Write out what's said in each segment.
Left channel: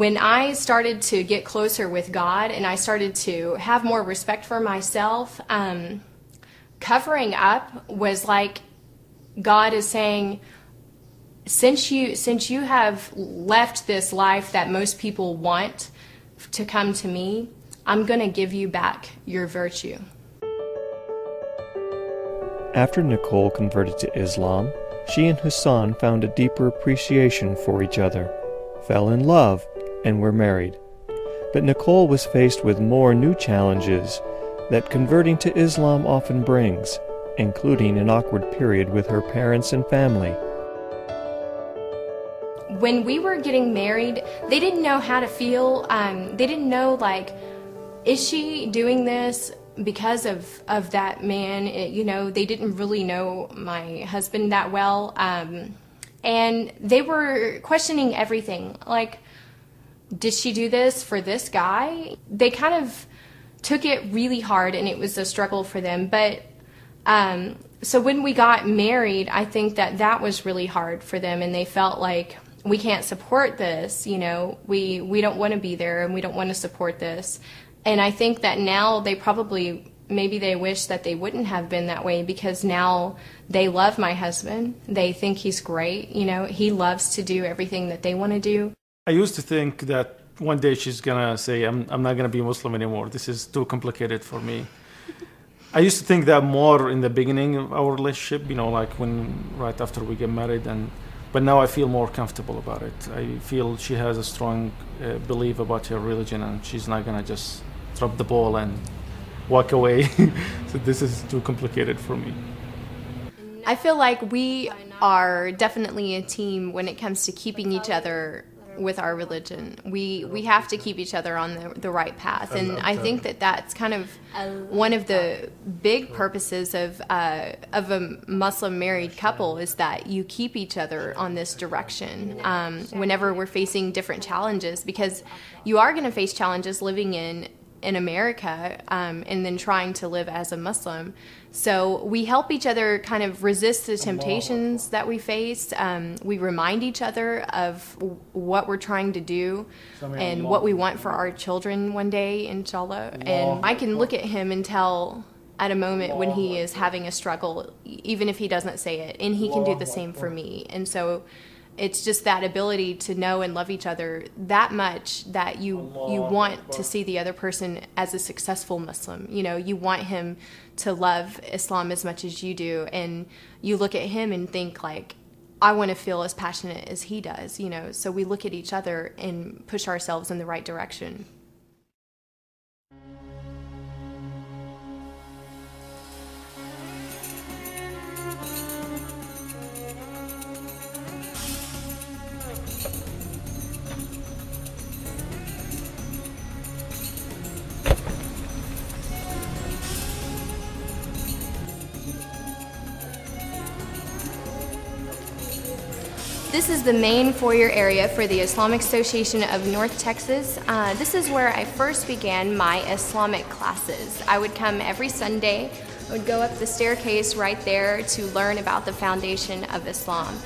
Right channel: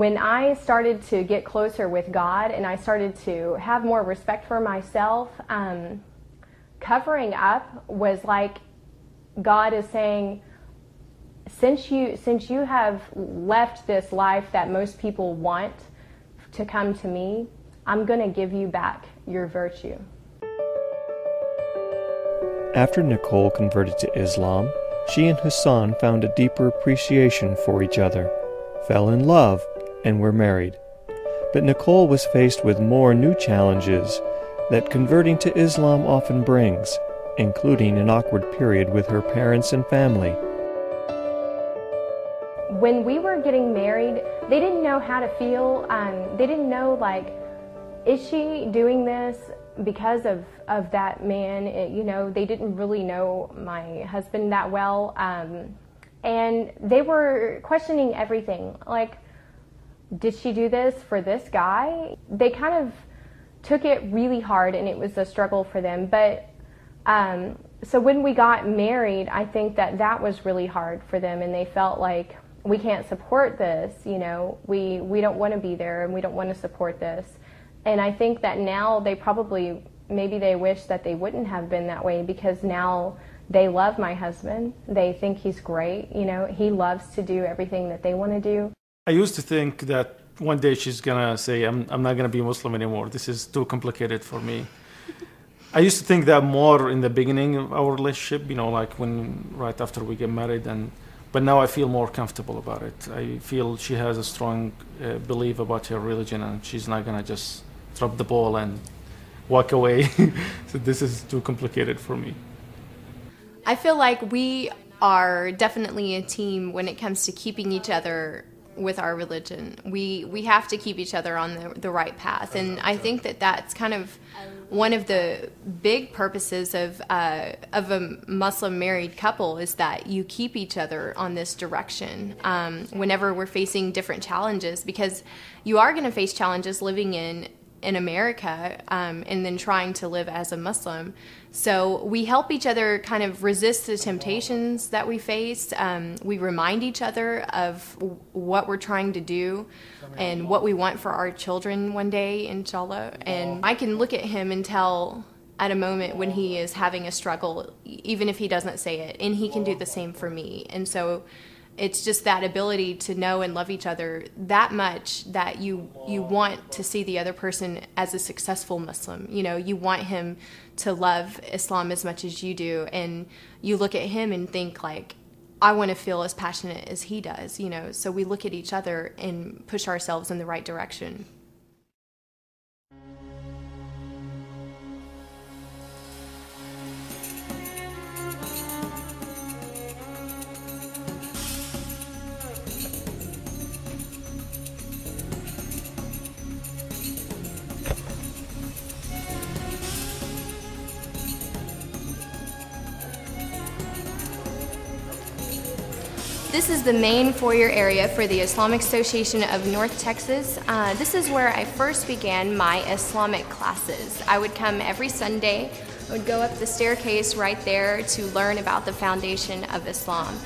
when I started to get closer with God and I started to have more respect for myself, covering up was like God is saying, since you have left this life that most people want to come to me, I'm going to give you back your virtue. After Nicole converted to Islam, she and Hassan found a deeper appreciation for each other, fell in love, and were married. But Nicole was faced with more new challenges that converting to Islam often brings, including an awkward period with her parents and family. When we were getting married, they didn't know how to feel. They didn't know, like, is she doing this because of that man? You know, they didn't really know my husband that well. And they were questioning everything. Like, did she do this for this guy? They kind of took it really hard, and it was a struggle for them. But so when we got married, I think that was really hard for them, and they felt like, we can't support this, you know, we don't want to be there, and we don't want to support this. And I think that now they probably, maybe they wish that they wouldn't have been that way, because now they love my husband. They think he's great. You know, he loves to do everything that they want to do. I used to think that one day she's going to say, I'm not going to be Muslim anymore. This is too complicated for me. I used to think that more in the beginning of our relationship, you know, like right after we get married, but now I feel more comfortable about it. I feel she has a strong belief about her religion, and she's not going to just drop the ball and walk away. So this is too complicated for me. I feel like we are definitely a team when it comes to keeping each other with our religion. We have to keep each other on the right path, and I think that's kind of one of the big purposes of a Muslim married couple, is that you keep each other on this direction whenever we're facing different challenges, because you are going to face challenges living in America and then trying to live as a Muslim. So we help each other kind of resist the temptations that we face. We remind each other of what we're trying to do and what we want for our children one day, inshallah. And I can look at him and tell at a moment when he is having a struggle, even if he doesn't say it, and he can do the same for me. And so it's just that ability to know and love each other that much that you want to see the other person as a successful Muslim. You know, you want him to love Islam as much as you do, and you look at him and think, like, I want to feel as passionate as he does, you know. So we look at each other and push ourselves in the right direction. This is the main foyer area for the Islamic Association of North Texas. This is where I first began my Islamic classes. I would come every Sunday. I would go up the staircase right there to learn about the foundation of Islam.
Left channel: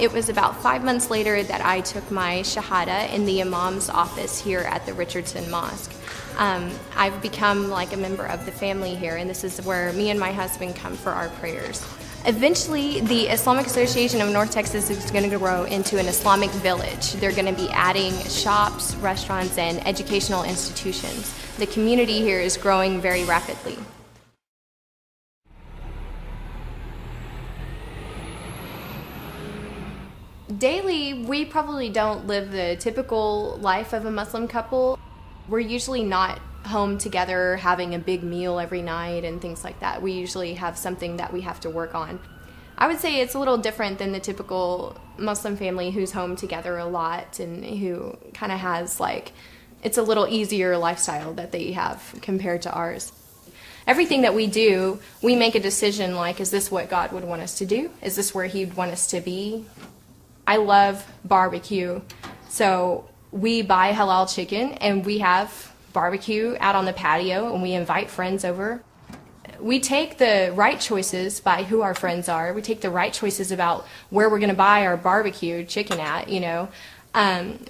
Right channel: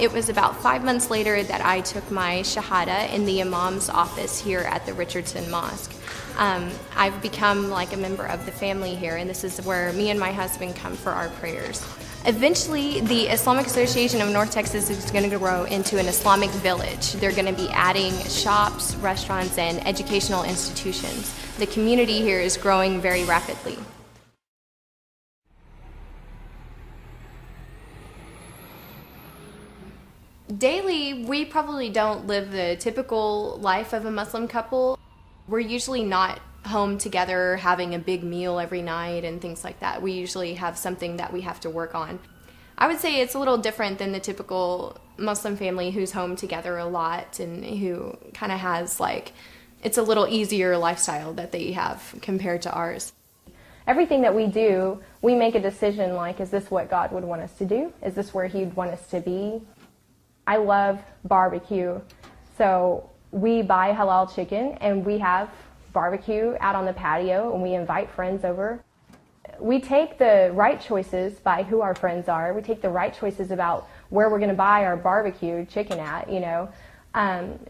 It was about 5 months later that I took my Shahada in the Imam's office here at the Richardson Mosque. I've become like a member of the family here, and this is where me and my husband come for our prayers. Eventually, the Islamic Association of North Texas is going to grow into an Islamic village. They're going to be adding shops, restaurants, and educational institutions. The community here is growing very rapidly. Daily, we probably don't live the typical life of a Muslim couple. We're usually not home together having a big meal every night and things like that. We usually have something that we have to work on. I would say it's a little different than the typical Muslim family who's home together a lot and who kind of has, like, it's a little easier lifestyle that they have compared to ours. Everything that we do, we make a decision like, is this what God would want us to do? Is this where He would want us to be? I love barbecue, so we buy halal chicken and we have barbecue out on the patio, and we invite friends over. We take the right choices by who our friends are. We take the right choices about where we're going to buy our barbecue chicken at, you know.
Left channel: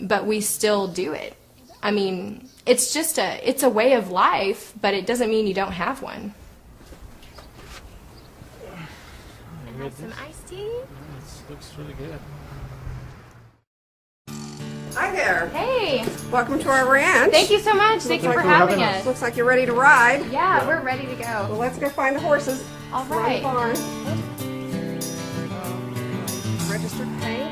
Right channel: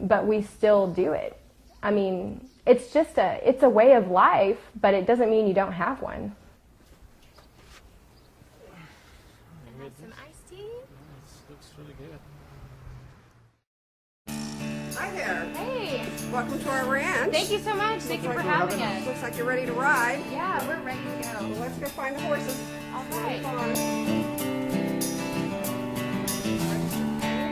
but we still do it. I mean, it's just it's a way of life, but it doesn't mean you don't have one. I have some iced tea. This looks really good. Hi there. Hey, Welcome to our ranch. thank you so much. Thank you like for we're having having us. Looks like you're ready to ride. Yeah, we're ready to go. Well, let's go find the horses. All Around the right. barn. Registered paint.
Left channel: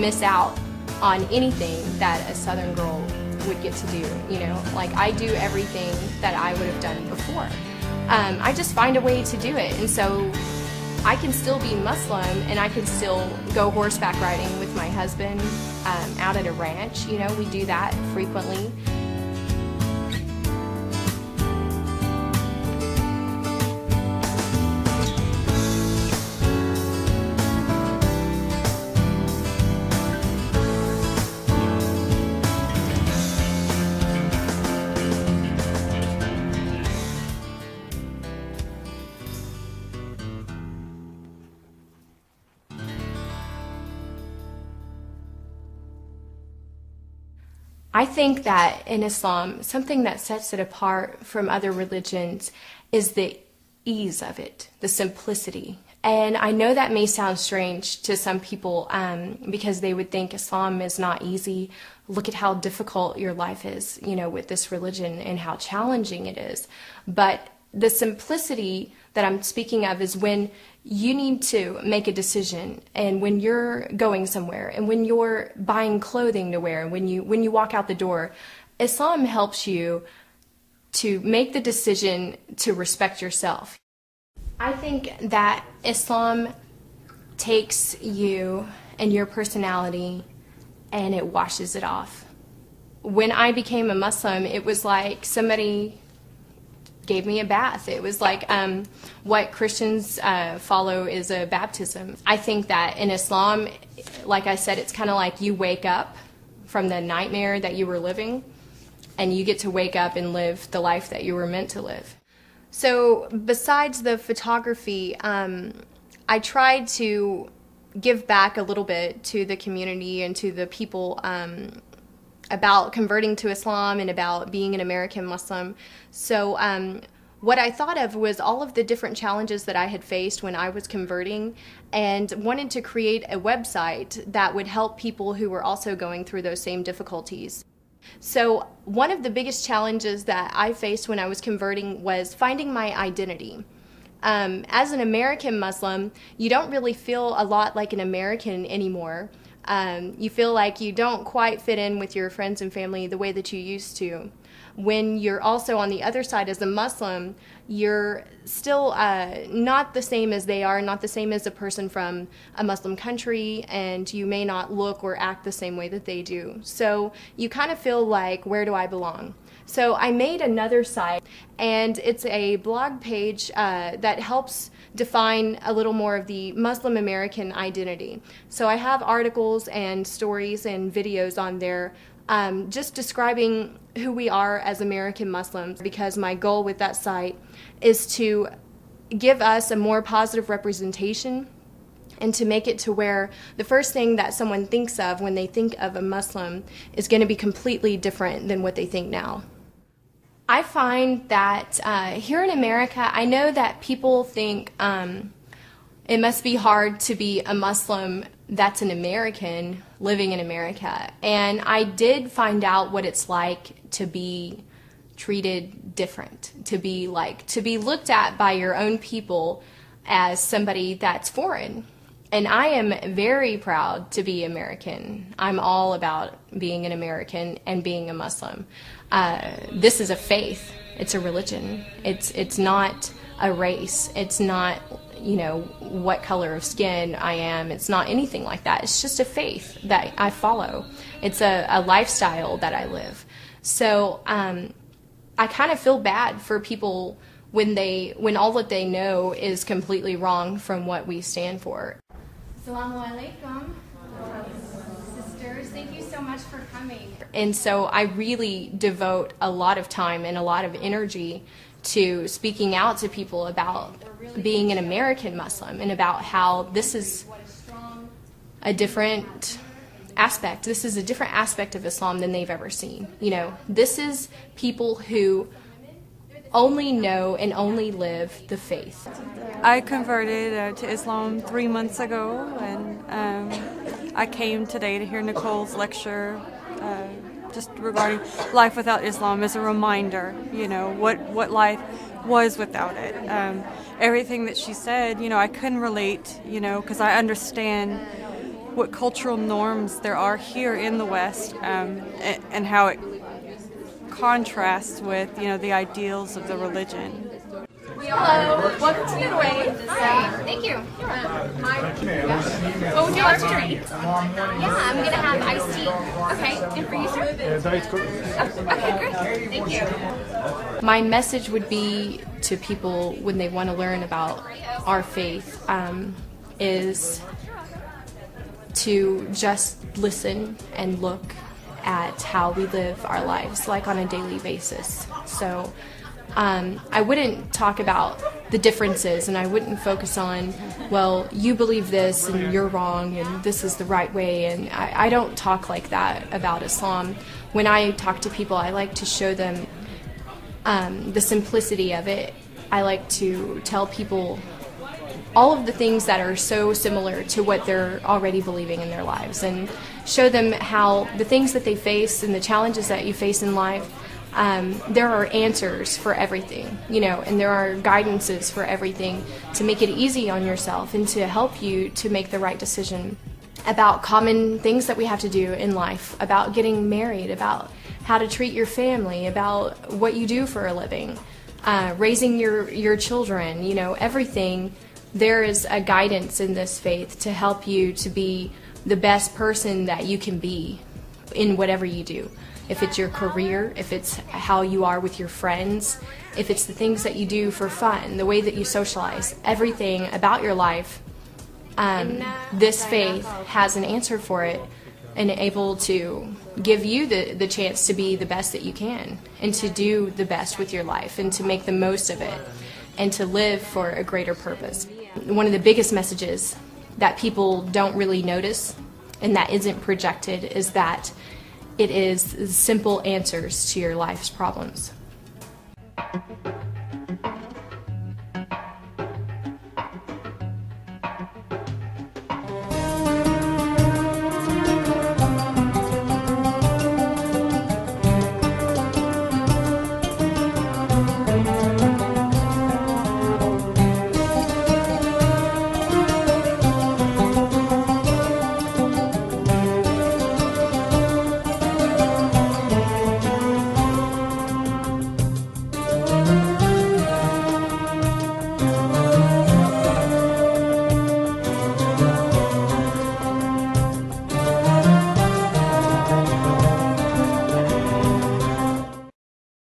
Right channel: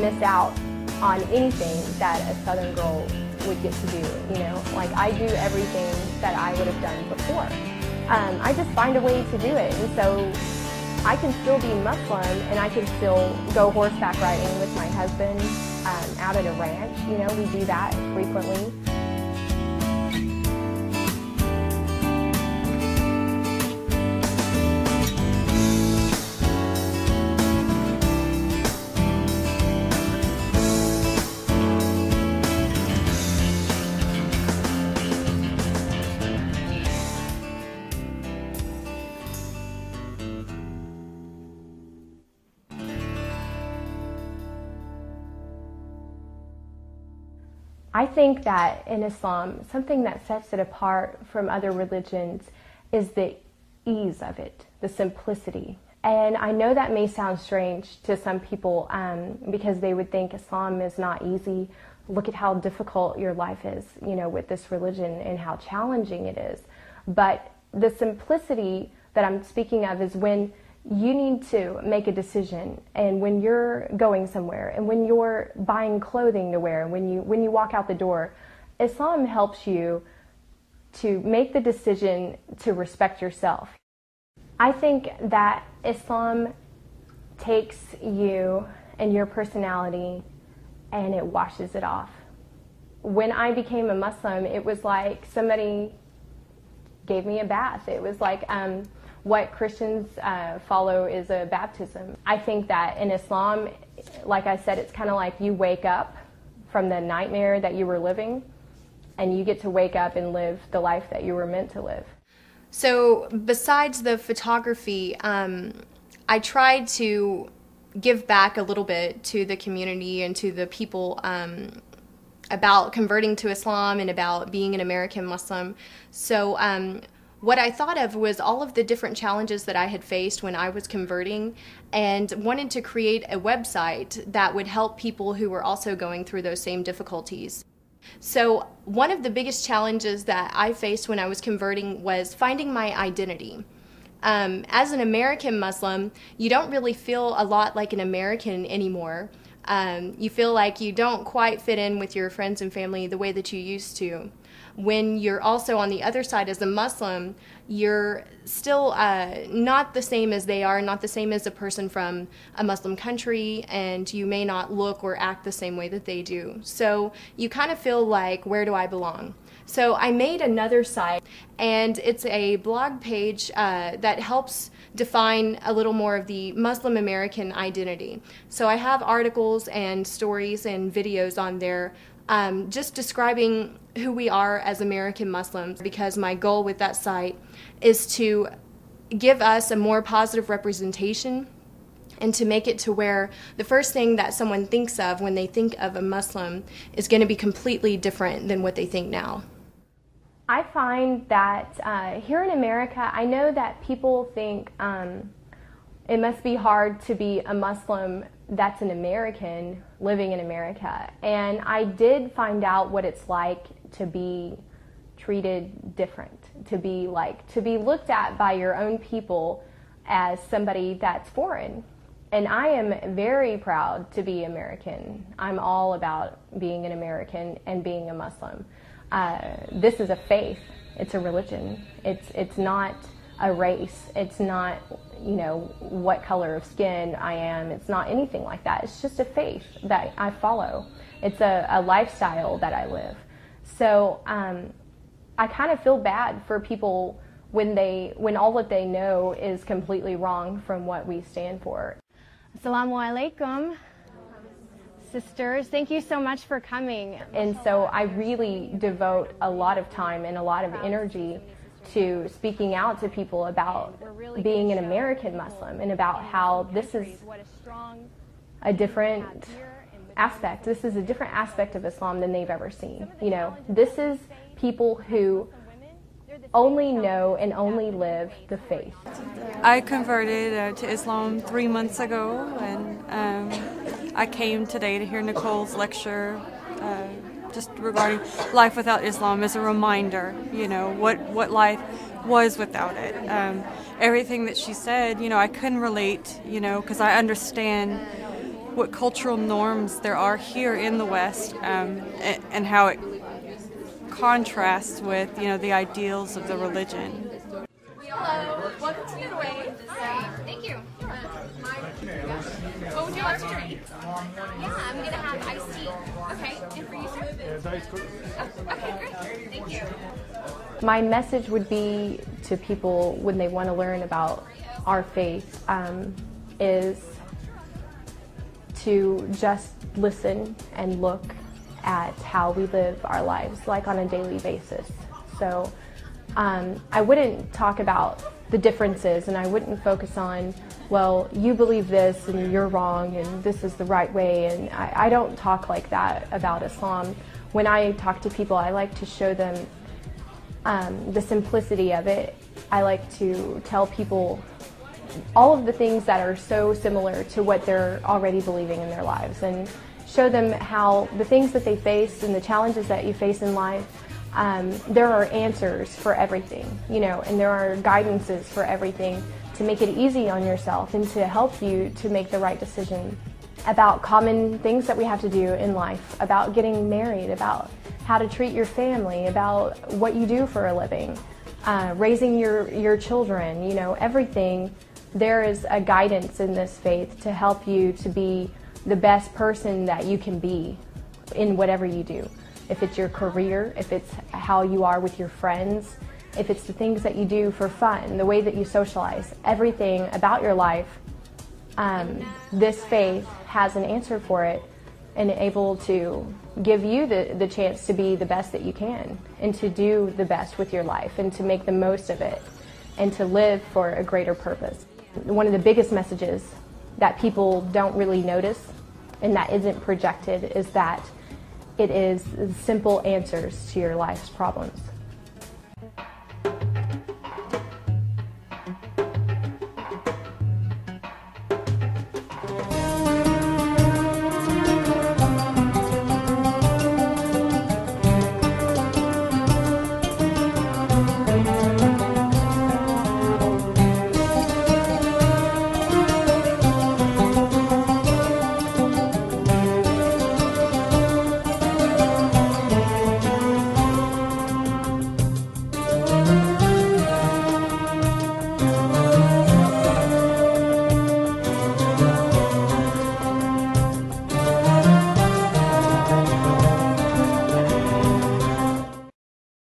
Miss out on anything that a Southern girl would get to do, you know, like I do everything that I would have done before. I just find a way to do it, and so I can still be Muslim and I can still go horseback riding with my husband out at a ranch. You know, we do that frequently. I think that in Islam, something that sets it apart from other religions is the ease of it, the simplicity. And I know that may sound strange to some people because they would think Islam is not easy. Look at how difficult your life is, you know, with this religion and how challenging it is. But the simplicity that I'm speaking of is when you need to make a decision, and when you're going somewhere, and when you're buying clothing to wear, and when you walk out the door, Islam helps you to make the decision to respect yourself. I think that Islam takes you and your personality and it washes it off. When I became a Muslim, it was like somebody gave me a bath. It was like what Christians follow is a baptism. I think that in Islam, like I said, it's kind of like you wake up from the nightmare that you were living, and you get to wake up and live the life that you were meant to live. So besides the photography, I tried to give back a little bit to the community and to the people about converting to Islam and about being an American Muslim. So what I thought of was all of the different challenges that I had faced when I was converting, and wanted to create a website that would help people who were also going through those same difficulties. So one of the biggest challenges that I faced when I was converting was finding my identity. As an American Muslim, you don't really feel a lot like an American anymore. You feel like you don't quite fit in with your friends and family the way that you used to. When you're also on the other side as a Muslim, you're still not the same as they are, not the same as a person from a Muslim country, and you may not look or act the same way that they do. So you kind of feel like, where do I belong? So I made another site, and it's a blog page that helps define a little more of the Muslim American identity. So I have articles and stories and videos on there just describing who we are as American Muslims, because my goal with that site is to give us a more positive representation and to make it to where the first thing that someone thinks of when they think of a Muslim is going to be completely different than what they think now. I find that here in America, I know that people think it must be hard to be a Muslim that's an American living in America. And I did find out what it's like to be treated different, to be looked at by your own people as somebody that's foreign. And I am very proud to be American. I'm all about being an American and being a Muslim. This is a faith. It's a religion. It's not a race. It's not, you know, what color of skin I am. It's not anything like that. It's just a faith that I follow. It's a lifestyle that I live. So I kind of feel bad for people when all that they know is completely wrong from what we stand for. Assalamu alaikum, sisters. Thank you so much for coming. And so I really devote a lot of time and a lot of energy to speaking out to people about being an American Muslim and about how this is a different aspect. This is a different aspect of Islam than they've ever seen. You know, this is people who only know and only live the faith. I converted to Islam 3 months ago, and I came today to hear Nicole's lecture just regarding life without Islam as a reminder, you know, what life was without it. Everything that she said, you know, I couldn't relate, you know, because I understand what cultural norms there are here in the West, and how it contrasts with, you know, the ideals of the religion. Hello, welcome to Getaway. Hi, thank you. What would you like to drink? Yeah, I'm gonna have iced tea. Okay, and for you, sir? Diet Coke. Okay, great. Thank you. My message would be to people when they want to learn about our faith is to just listen and look at how we live our lives, like on a daily basis. So I wouldn't talk about the differences, and I wouldn't focus on, well, you believe this and you're wrong and this is the right way, and I don't talk like that about Islam. When I talk to people, I like to show them the simplicity of it. I like to tell people all of the things that are so similar to what they're already believing in their lives, and show them how the things that they face and the challenges that you face in life, there are answers for everything, you know, and there are guidances for everything to make it easy on yourself and to help you to make the right decision about common things that we have to do in life, about getting married, about how to treat your family, about what you do for a living, raising your children, you know, everything. There is a guidance in this faith to help you to be the best person that you can be in whatever you do. If it's your career, if it's how you are with your friends, if it's the things that you do for fun, the way that you socialize, everything about your life, this faith has an answer for it and able to give you the chance to be the best that you can and to do the best with your life and to make the most of it and to live for a greater purpose. One of the biggest messages that people don't really notice and that isn't projected is that it is simple answers to your life's problems.